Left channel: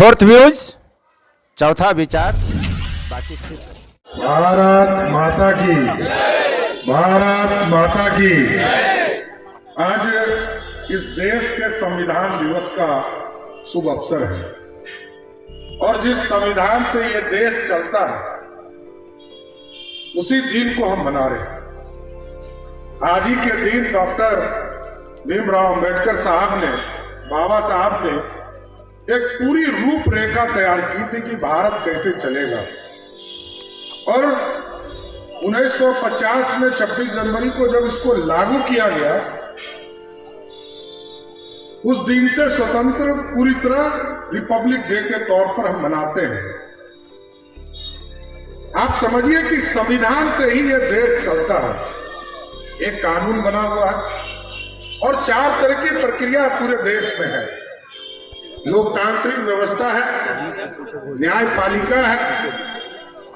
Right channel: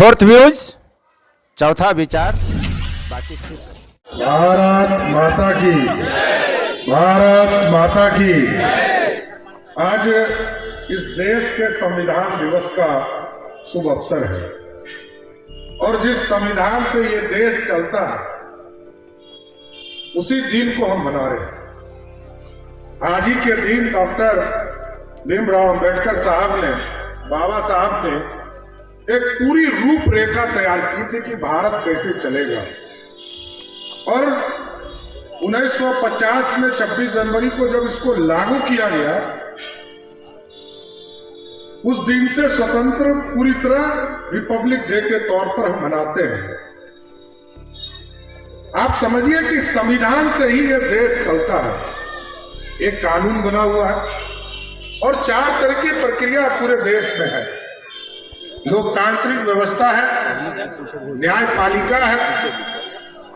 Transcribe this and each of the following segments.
Fourth views, चौथा विचार, बाकी भारत माता की, भारत माता की। आज इस देश के संविधान दिवस का शुभ अवसर है और जिस संविधान से ये देश चलता है उसी दिन को हम मना रहे हैं। आज ही के दिन डॉक्टर भीमराव अम्बेडकर साहब ने, बाबा साहब ने एक पूरी रूपरेखा तैयार की थी कि भारत कैसे चलेगा। और 1950 में 26 जनवरी को जब इसको लागू किया गया, उस दिन से स्वतंत्र पूरी तरह रिपब्लिक डे के तौर पर हम मनाते हैं। आप समझिए कि संविधान से ही यह देश चलता है। एक कानून बना हुआ है और 4 तरह की प्रक्रिया पूरे देश में है। लोकतांत्रिक व्यवस्था है, न्यायपालिका है,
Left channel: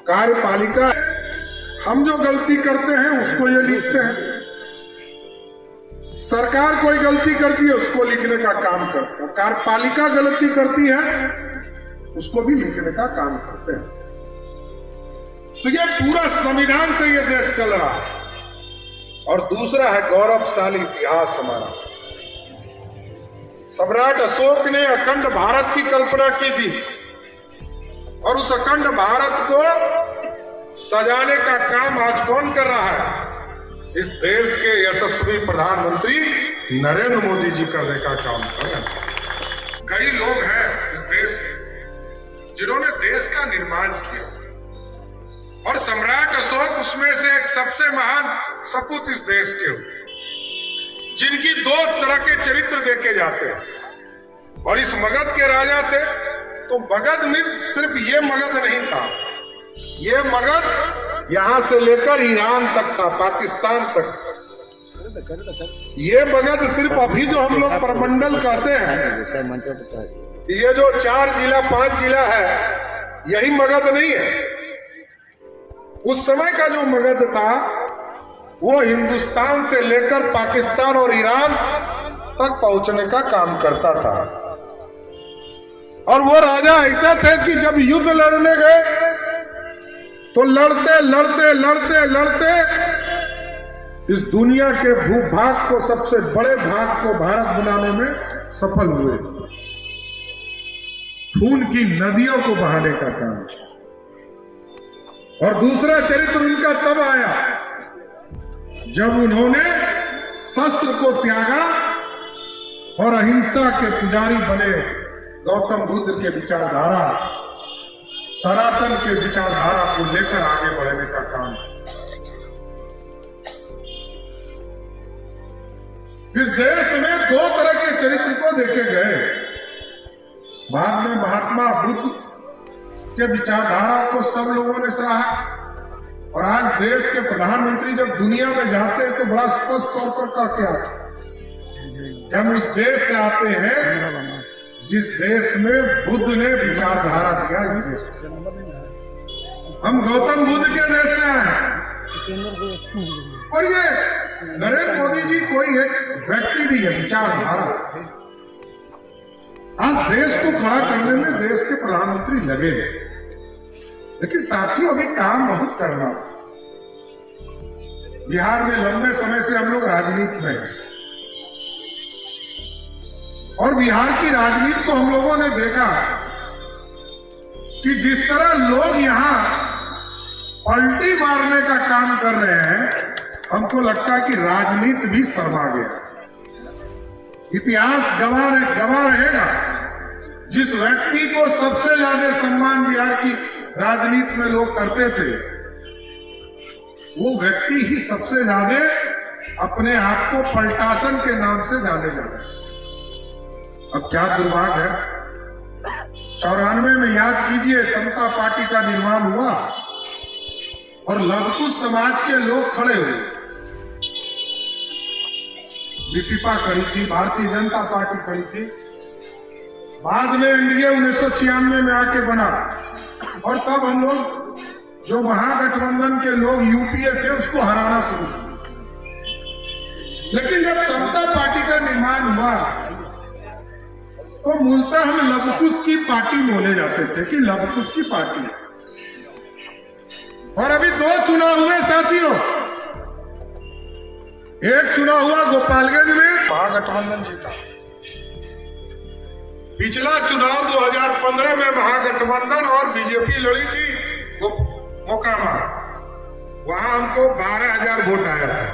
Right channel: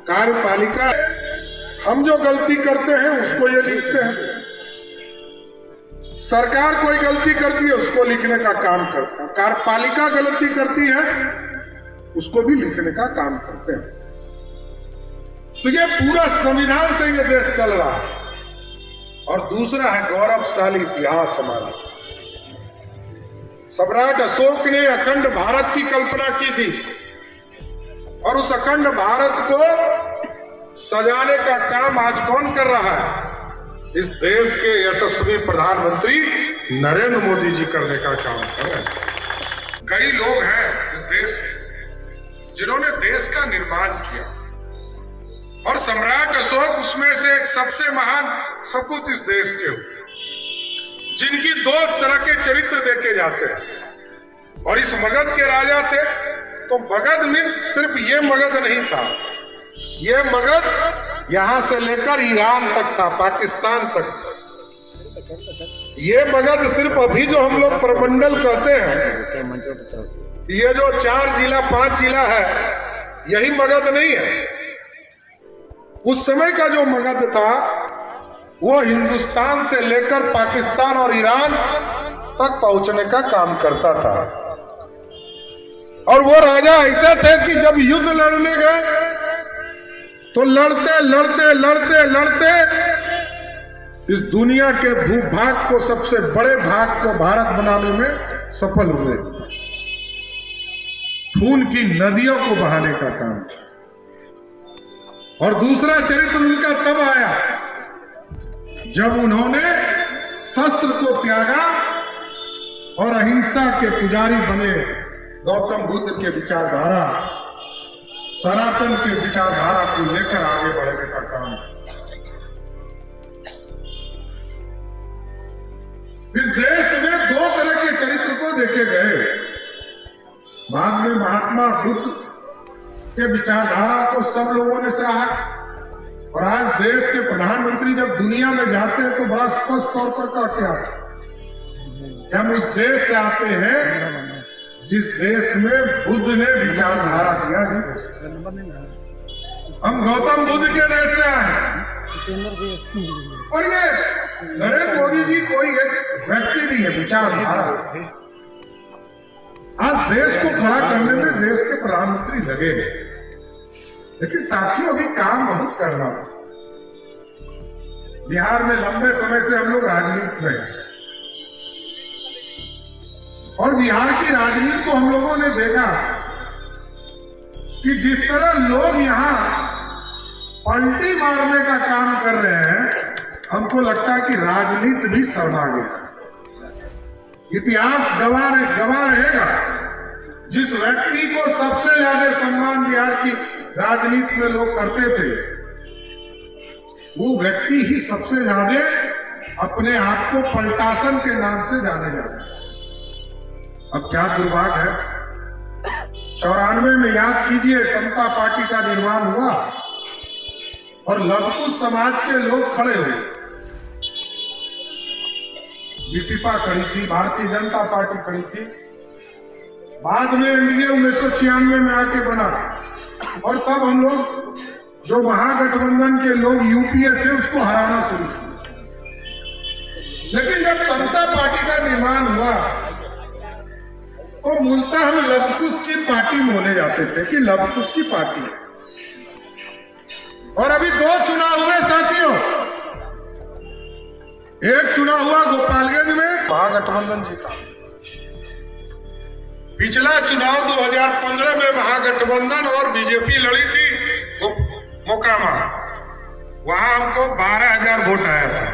कार्यपालिका है। हम जो गलती करते हैं उसको ये लिखते हैं, सरकार कोई गलती करती है उसको लिखने का काम करता है, कार्यपालिका गलती करती है उसको भी लिखने का काम करते हैं। तो ये पूरा संविधान से ये देश चल रहा है। और दूसरा है गौरवशाली इतिहास हमारा। सम्राट अशोक ने अखंड भारत की कल्पना की थी और उस अखंड भारत को सजाने का काम आज कौन कर रहा है? इस देश के यशस्वी प्रधानमंत्री नरेंद्र मोदी जी करने का काम कर रहे हैं। कई लोग हैं इस देश में जिन्होंने देश का निर्माण किया और सम्राट अशोक उसमें से एक सबसे महान सपूत इस देश के हुए, जिनकी 2 तरह के चरित्र देखे जाते हैं। और इस मगध के राजा थे तो मगध में सिर्फ ये मगध नहीं था, ये मगध यहां से लेकर ईरान तक था, पाकिस्तान तक था। ये मगध सिर्फ अभी जो हम लोग प्रमंडल कहते हैं, ये जो 4 जिला 5 जिला है, यही मगध नहीं है। उस समय का जो मगध था वो हिंदुस्तान से लेकर पाकिस्तान और ईरान तक पहुंचने का काम करता था। और वो राजा ऐसे थे कि जब युद्ध लड़ने गए तो लड़ते लड़ते लड़ते लड़ते इस दुनिया के भूभाग को, सबसे बड़े भाग को भारत बनाने में सफल हुए। खून की नदियों को बहाने का काम। और दूसरा चरित्र उनका तब आया जब उन्होंने शस्त्र को त्यागा और अहिंसा के पुजारी बने। गौतम बुद्ध के विचारधारा, सनातन के विचारधारा को लेकर आगे बढ़ने का काम। इस देश में 2 तरह के चरित्र को देखे गए। बाद में महात्मा बुद्ध के विचारधारा को सब लोगों ने सराहा। और आज देश के प्रधानमंत्री जब दुनिया में जाते हैं तो बड़ा स्पष्ट तौर पर क्या आते हैं, हम उस देश से आते हैं जिस देश में बुद्ध ने विचारधारा दिया। हम गौतम बुद्ध के देश से आए हैं। और ये नरेंद्र मोदी जी कोई एक व्यक्ति नहीं है, विचारधारा। आज देश को खड़ा करने में देश के प्रधानमंत्री लगे हैं, लेकिन साथियों अभी काम बहुत करना। बिहार में लंबे समय से हम लोग राजनीति में हैं और बिहार की राजनीति को हम लोगों ने देखा कि जिस तरह लोग यहां पलटी मारने का काम कर रहे हैं, हमको लगता है कि राजनीति भी शर्मा गया। इतिहास गवाह रहेगा। जिस व्यक्ति को सबसे ज्यादा सम्मान बिहार की राजनीति में लोग करते थे, वो व्यक्ति ही सबसे ज्यादा अपने आप को पलटासन के नाम से जाने जाते। अब क्या दुर्भाग्य है, 94 में याद कीजिए समता पार्टी का निर्माण हुआ और लघु समाज के लोग खड़े हुए। बीपीपा खड़ी थी, भारतीय जनता पार्टी खड़ी थी। बाद में एनडीए 1996 में आके बना और तब हम लोग जो महागठबंधन के लोग यूपीए थे उसको हराना शुरू किया। लेकिन जब समता पार्टी का निर्माण हुआ वो मूलतः हम लवकुश की पार्टी बोले जाते थे कि लवकुश की पार्टी है। और अभी 2 चुनाव हुए साथियों। एक चुनाव हुआ गोपालगंज में, महागठबंधन जीता। पिछला चुनाव 2015 में महागठबंधन और बीजेपी लड़ी थी मोकामा, वहां हमको 12,000 वोट आया था।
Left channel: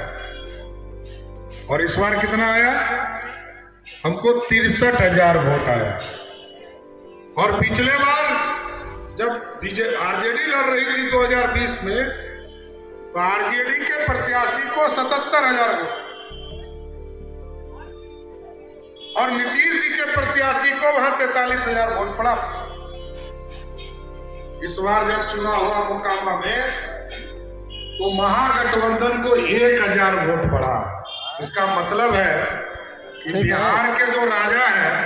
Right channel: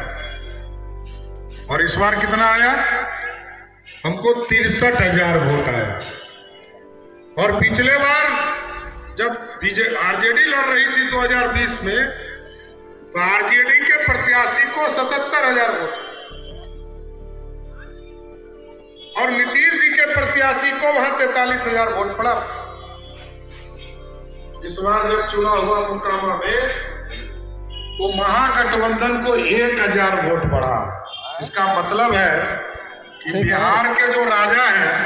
और इस बार कितना आया? हमको 63,000 वोट आया। और पिछले बार जब आरजेडी लड़ रही थी 2020 में, तो आरजेडी के प्रत्याशी को 77,000 वोट और नीतीश जी के प्रत्याशी को वहां 43,000 वोट पड़ा। इस बार जब चुनाव हुआ मोकामा में, तो महागठबंधन को 1,000 वोट बढ़ा। इसका मतलब है कि बिहार के जो राजा हैं,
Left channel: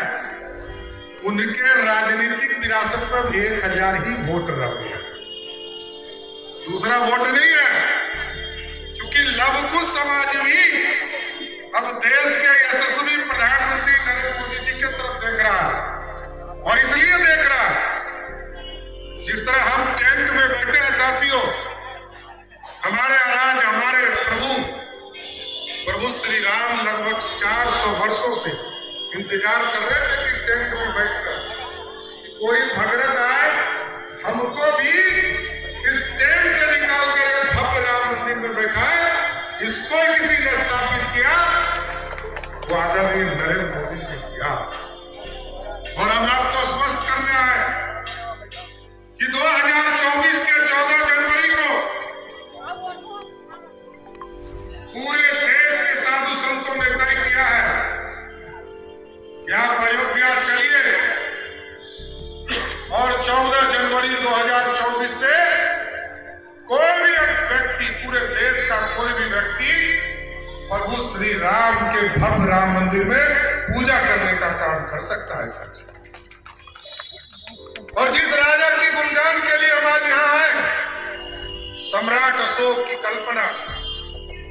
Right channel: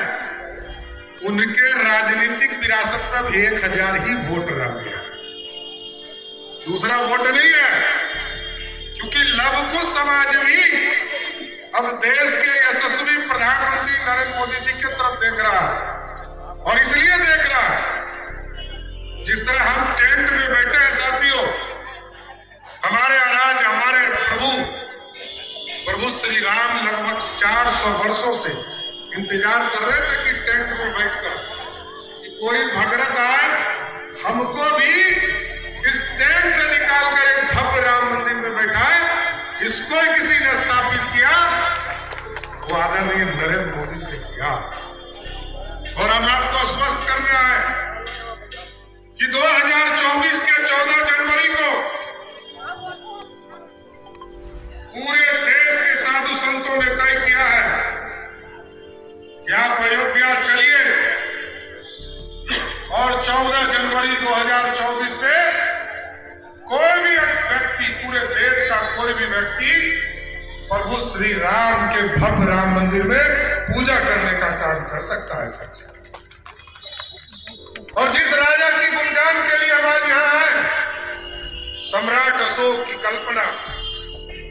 उनके राजनीतिक विरासत में भी 1,000 ही वोट रह गया। दूसरा वोट नहीं है, क्योंकि लवकुश समाज भी अब देश के यशस्वी प्रधानमंत्री नरेंद्र मोदी जी की तरफ देख रहा है। और इसलिए देख रहा है, जिस तरह हम टेंट में बैठे हैं साथियों, हमारे अराज, हमारे प्रभु श्री राम लगभग 400 वर्षों से इंतजार कर रहे थे कि टेंट में बैठकर कि कोई भगरत आए, हमको भी इस टेंट से निकालकर एक भव्य राम मंदिर में बैठाए। इसको किसी ने स्थापित किया, वो आदरणीय नरेंद्र मोदी ने किया। और हम आपको स्पष्ट करना है कि 2024 के 14 जनवरी को पूरे देश के साधु संतों ने तय किया है कि आप अयोध्या चलिए और 14 जनवरी 2024 से कोई भी व्यक्ति, पूरे देश का कोई भी व्यक्ति प्रभु श्री राम के भव्य राम मंदिर में पूजा करने का काम कर सकता है सच। और जिस राजा की गुणगान के लिए हम आज यहाँ आए, सम्राट अशोक की कल्पना,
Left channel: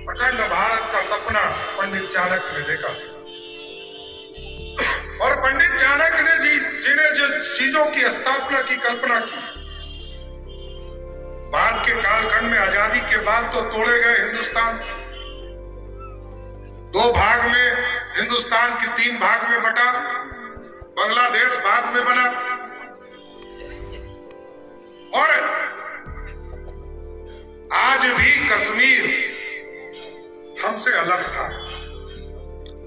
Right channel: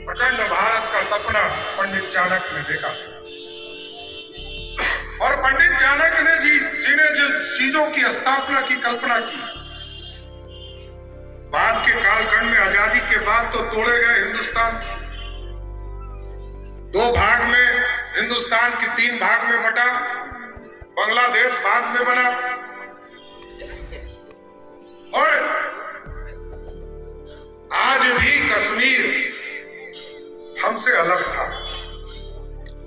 अखंड भारत का सपना पंडित चाणक्य ने देखा। और पंडित चाणक्य ने जिन्हें जो चीजों की स्थापना की कल्पना की, बाद के कालखंड में आजादी के बाद तो तोड़े गए हिंदुस्तान, 2 भाग में, हिंदुस्तान की 3 भाग में बटा, बांग्लादेश बाद में बना। और आज भी कश्मीर हमसे अलग था।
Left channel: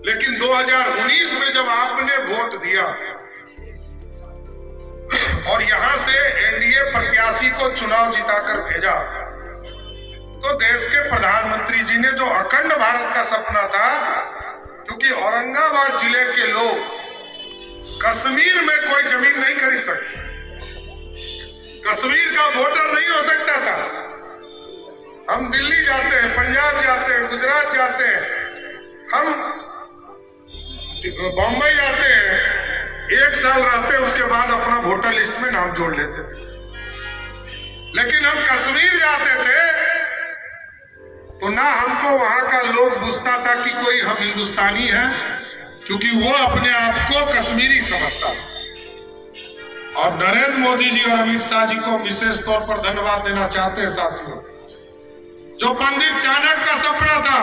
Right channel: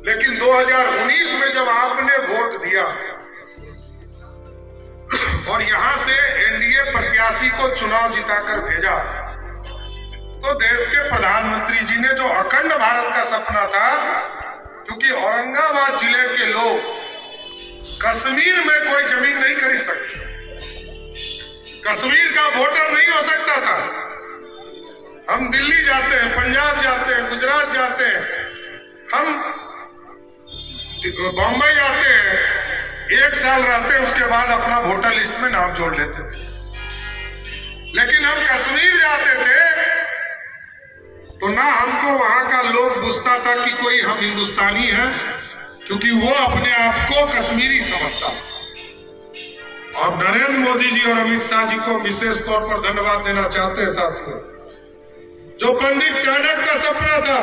लेकिन 2019 में जब आपने वोट दिया और यहां से एनडीए प्रत्याशी को चुनाव जिताकर भेजा, तो देश के प्रधानमंत्री जी ने जो अखंड भारत का सपना था, क्योंकि औरंगाबाद जिले के लोग कश्मीर में कोई जमीन नहीं खरीद सकते, कश्मीर का वोटर नहीं हो सकता था। हम दिल्ली जाते हैं, पंजाब जाते हैं, गुजरात जाते हैं, हम बॉम्बे जाते हैं, 1 साल रहते हैं, उसके बाद अपना वोटर लिस्ट में नाम जोड़ लेते थे। लेकिन हम कश्मीर जाते थे तो ना हमको वहां का लोग पूछता था कि कोई हम हिंदुस्तानी हैं, क्योंकि वो अपने आप को कश्मीरी समझता था। और नरेंद्र मोदी जी और अमित शाह जी को विशेष तौर पर धन्यवाद देना चाहते हैं साथियों, जो पंडित चाणक्य का सपना था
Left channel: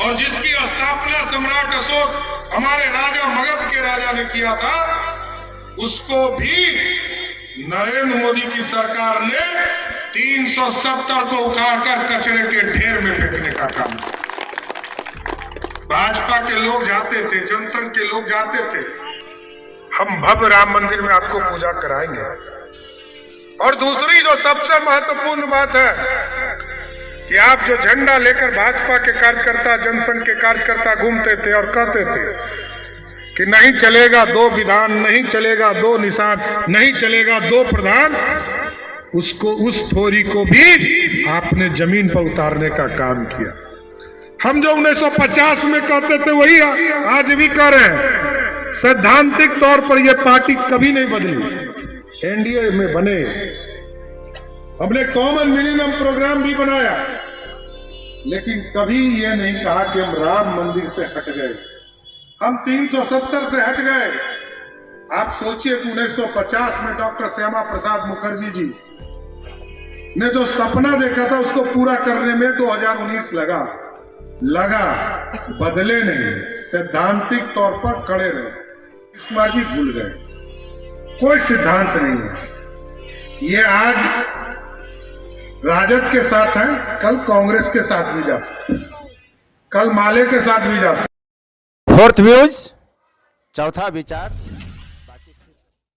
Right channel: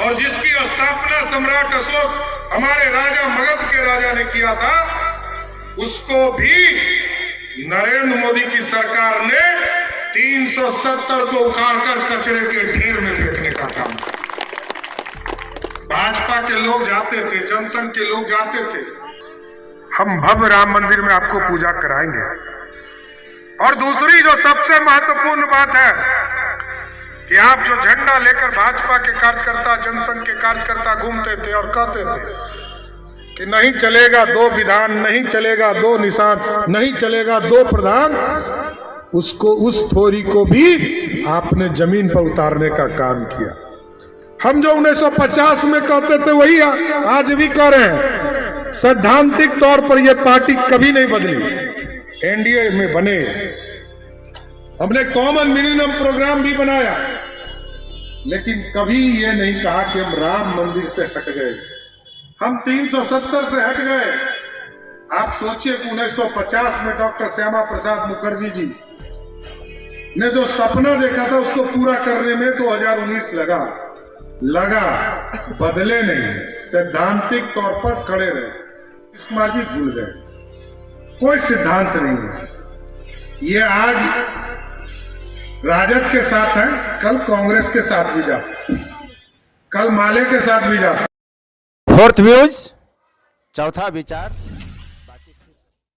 और जिसकी स्थापना सम्राट अशोक, हमारे राजा मगध के राजा ने किया था, उसको भी नरेंद्र मोदी की सरकार ने 370 को उखाड़कर कचरे के ढेर में फेंकने का काम किया। भाजपा के लोग जाते थे, जनसंघ के लोग जाते थे, हम भव्य राम मंदिर में आपको पूजा कराएंगे। और दूसरी जो सबसे महत्वपूर्ण बात है कि आप जो झंडा लेकर भाजपा के कार्यकर्ता, जनसंघ के कार्यकर्ता घूमते थे और कहते थे कि नहीं चलेगा 2 विधान, नहीं चलेगा 2 निशान, नहीं चलेगा 2 प्रधान, उसको, उस थोरी को भी आपने जमीन पर उतारने का काम किया। हम जो 1950 में कहते थे वही आज भी कर रहे हैं। सैद्धांतिक तौर पर यह पार्टी कभी नहीं बदली, एनडीए में बने, हमने कॉमन मिनिमम प्रोग्राम भी बनाया, लेकिन कभी ये नहीं कहा कि हम राम मंदिर से हट गए, हम 370 से हट गए, आप सोचिए कि 1950 में डॉक्टर श्यामा प्रसाद मुखर्जी जी ने जो सपना देखा था उसको पूरा करने में 2019 लगा, बदले नहीं, सैद्धांतिक तौर पर खड़े रहे। कुमार जी भूल गए, कोई सिद्धांत नहीं है। ये आज राजद के साथ है, कल कांग्रेस के साथ भी जा सकते, कल माले के साथ भी जा सकते। फोर्थ व्यूज, चौथा विचार।